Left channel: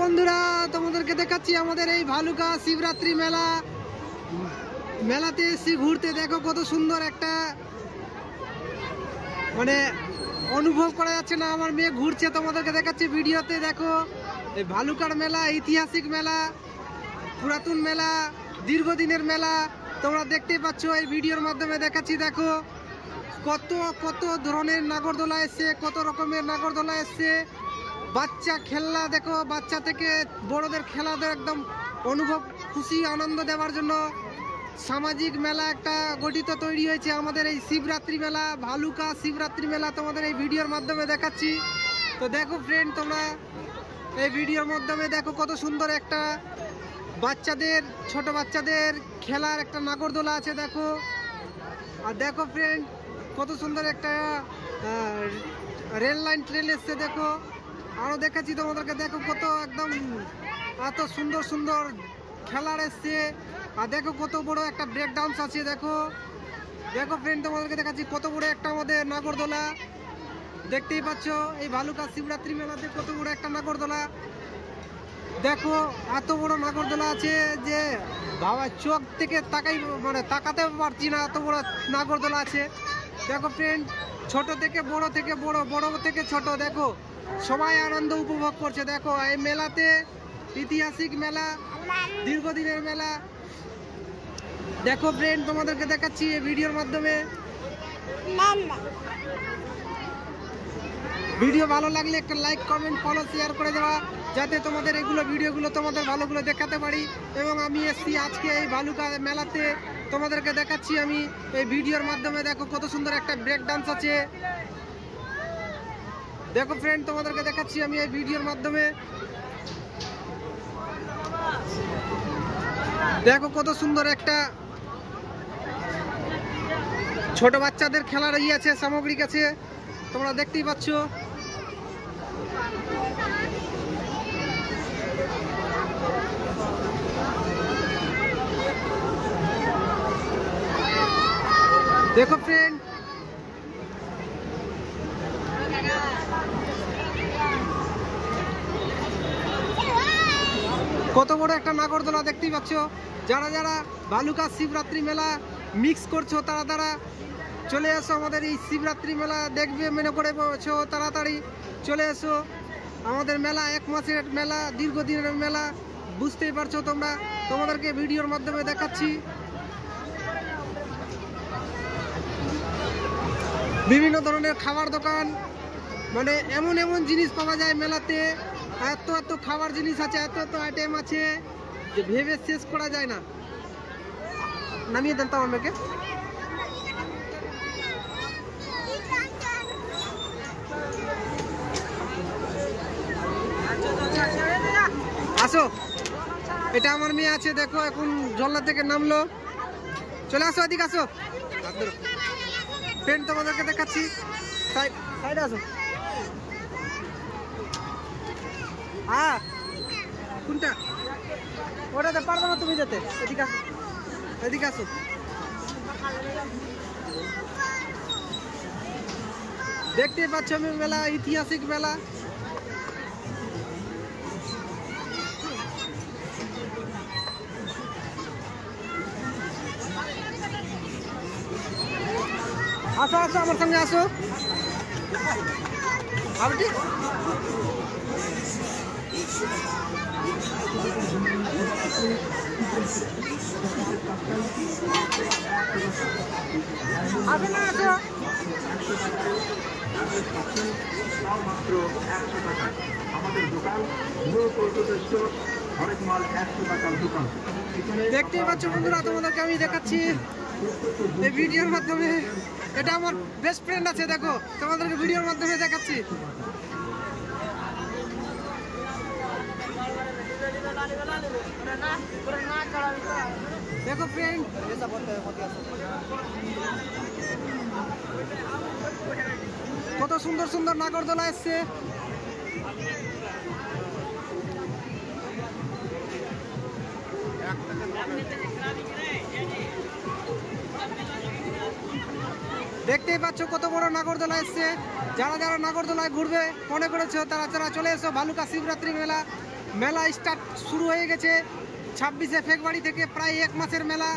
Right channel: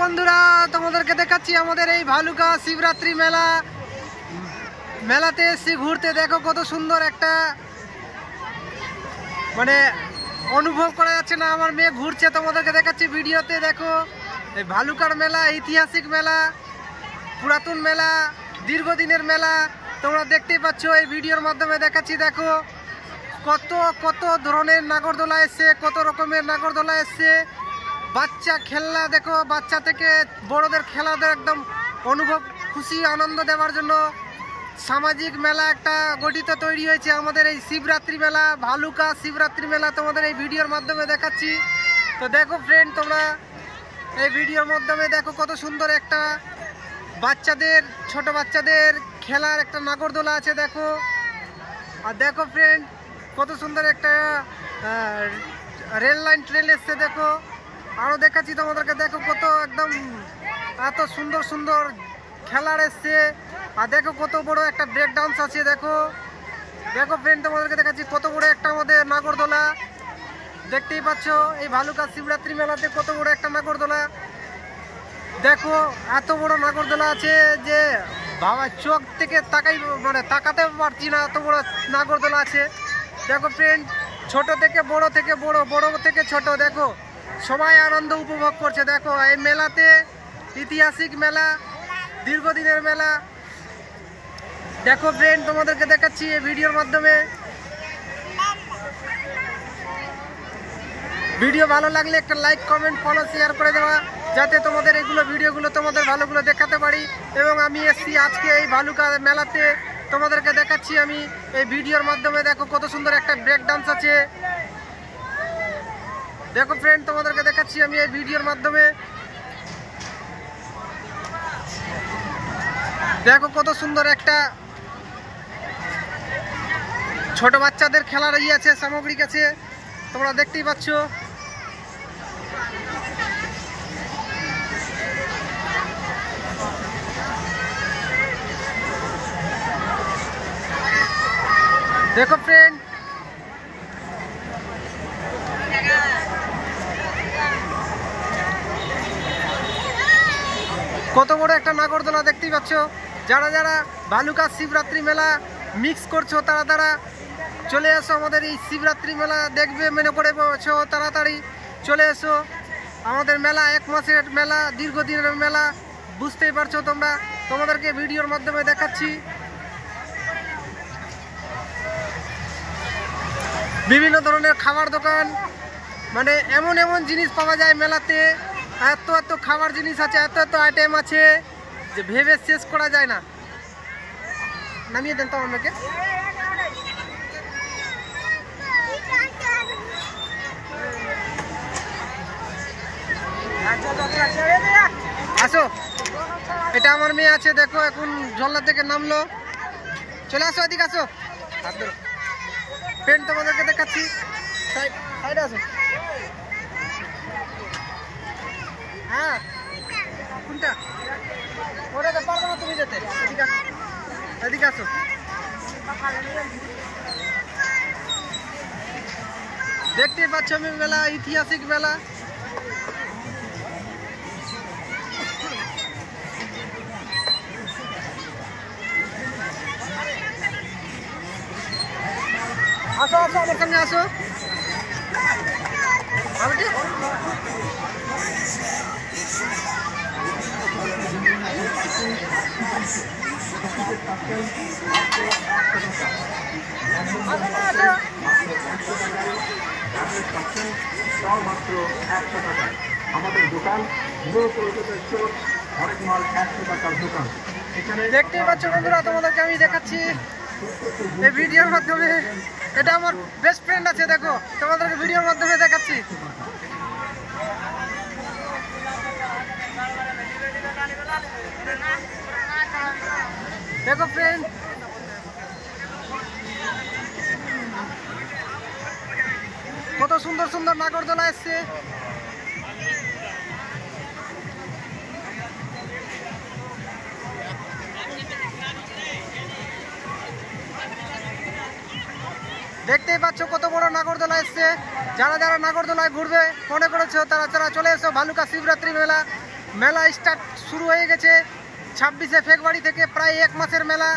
বন্ধুরা তোমাদেরকে দেখাচ্ছি আমাদের এই ভালুকা শিবরাত্রি মেলা। মেলাতে এসে ঘুরতে দেখো কত সুন্দর একটা মানে অনুভব করা যাচ্ছে না। আমার মেয়ে ঘুরছে, তোমাদেরকে দেখাচ্ছি ভিডিওতে। দেখো এই ভালুকার মেলা ঐতিহাসিক মেলা, পুরাতন মেলা, দীর্ঘদিনের মেলা তোমরা দেখতেই পাচ্ছ। এই ভিডিওর মাধ্যমে দেখাচ্ছি। দেখো কত কত ধরনের নাগরদোলা এসছে, কত রকমের নাগরদোলা এসছে। বাচ্চা খেলনা দেখো, বাচ্চা থেকে বড়দের খেলাদের একদম অনুভব খুশি আনন্দ দেওয়ার জন্য সামাজিক মেলা একটা গঠিত তৈরি হয়েছে আমাদের এই শিবরাত্রি মেলা, ভালুকা শিবরাত্রি মেলা। তোমাদের এই ভিডিওর মাধ্যমে দেখাচ্ছি। তো দেখো ফ্রেন্ড, তোমরা এই ভিডিওর মাধ্যমে দেখো কত সুন্দর একটা বাচ্চাদের, ছোট বাচ্চাদের খেলার একটা নাগরদোলা আছে দেখো। আর দেখো ফ্রেন্ড কত সুন্দর একটা রেল লাইন ট্রেন এসছে দেখো। আরও দেখাচ্ছি তোমাদেরকে। দেখো কত একদম এত সুন্দর সুন্দর খেলার এসছে। আর দেখো কত বড় একটা ব্রেক ডান্স আছে দেখো। দেখো ফ্রেন্ড তোমাদেরকে দেখাচ্ছি কত বড় একটা আমাদের নাগরদোলা। দেখতেই পাচ্ছ এই ভালুকা শিবরাত্রি মেলাতে কত বড় একটা নাগরদোলা। দেখো এত বড় নাগরদোলা আছে যে বাবা চোখ থেকে তাকাতে পারছি না, এত বড় নাগরদোলা আছে। দেখো ফ্রেন্ড ছোট থেকে বড়, থেকে বড়, বড় থেকে ছোট, দেখো সবাই আনন্দ উপভোগ করছে। দেখো এই মেলাতে ঐতিহাসিক মেলা, দীর্ঘদিনের মেলা। দেখো ফ্রেন্ড তোমাদেরকে দেখাচ্ছি এই ভিডিওর মাধ্যমে। ভিডিও ভালো লাগলে একটা লাইক, কমেন্ট, ফলো, শেয়ার করে দেওয়া, যাতে তোমাদের এগুলো ভিডিওগুলো তোমাদের ভালোগুলো দেখাতে পারি। এবং আমি এসছি আজকে এই ভালুকা মেলাতে, তোমাদেরকে দেখাচ্ছি আমি এই ভিডিওর মাধ্যমে। দেখো কত সুন্দর একটা ব্রেক ডান্স আছে। দেখো ফ্রেন্ড তোমাদেরকে দেখাচ্ছি আমি এই ভিডিওর মাধ্যমে। দেখো কত সুন্দর একটা ছোট বাচ্চাদের খেলার আছে, সামগ্রিক আছে, তোমরা দেখতেই পাচ্ছ। দেখো ফ্রেন্ড কত বড় একটা নাগরদোলা দেখতেই পাচ্ছ। যারা যারা ভালুকা শিবরাত্রি মেলা মিক্স করছো তারা চলে এসো আমাদের এই শিবরাত্রি মেলা দেখবে মনে করে বলছো, তাড়াতাড়ি চলে এসো। আমাদের মেলা 1 মাসের মেলা, দীর্ঘদিনের মেলা, বুঝতেই পারছো তোমরা। তোমাদেরকে ভিডিওর মাধ্যমে দেখাচ্ছি। বিভিন্ন ধরনের খাবার দোকান, মানে এমন এমন জিনিস পাওয়া যায় মেলাতে। এত এত খাবার জিনিস আছে, এত এত আইটেম আছে যে ভেবে শেষ করা যায় না। নামিয়ে দেন তো আমাকে। আসো, এটা আমার মেয়ে আছে দেখো, এখন ঝর্ণা থেকে নামলো। চলে আসো, এদিকে আসো। ফ্রেন্ড তোমাদেরকে দেখাচ্ছি, সাইডে আসো। হ্যাঁ কোনটা? ওটাতে পারবো না তুমি যেতে। এদিকে আসো, এদিকে আসো। দেখতে পাচ্ছ আমি মেলা, ঐতিহাসিক মেলা। আসো আসো আমার সঙ্গে আসো। আসো না, আসো। দেখতেই পাচ্ছ বন্ধুরা, তোমাদেরকে আমি দেখাচ্ছি এই ভিডিওর মাধ্যমে। এটা আমার বেস্ট ফ্রেন্ড আছে দেখো, তোমাদেরকে ভিডিওর মাধ্যমে দেখাচ্ছি। দেখো ফ্রেন্ড কত সুন্দর সুন্দর নাগরদোলা এসছে। দেখতেই পাচ্ছ কত বড় নাগরদোলা এসছে। যারা যারা নাগরদোলায় ঘুরবে মনে করেছো তারা চলে এসো ভালুকা শিবরাত্রি মেলা। মেলা স্টার্ট শুরু হয়ে গেছে 26শে ফেব্রুয়ারি থেকে, প্রায় 1 মাসের মেলা।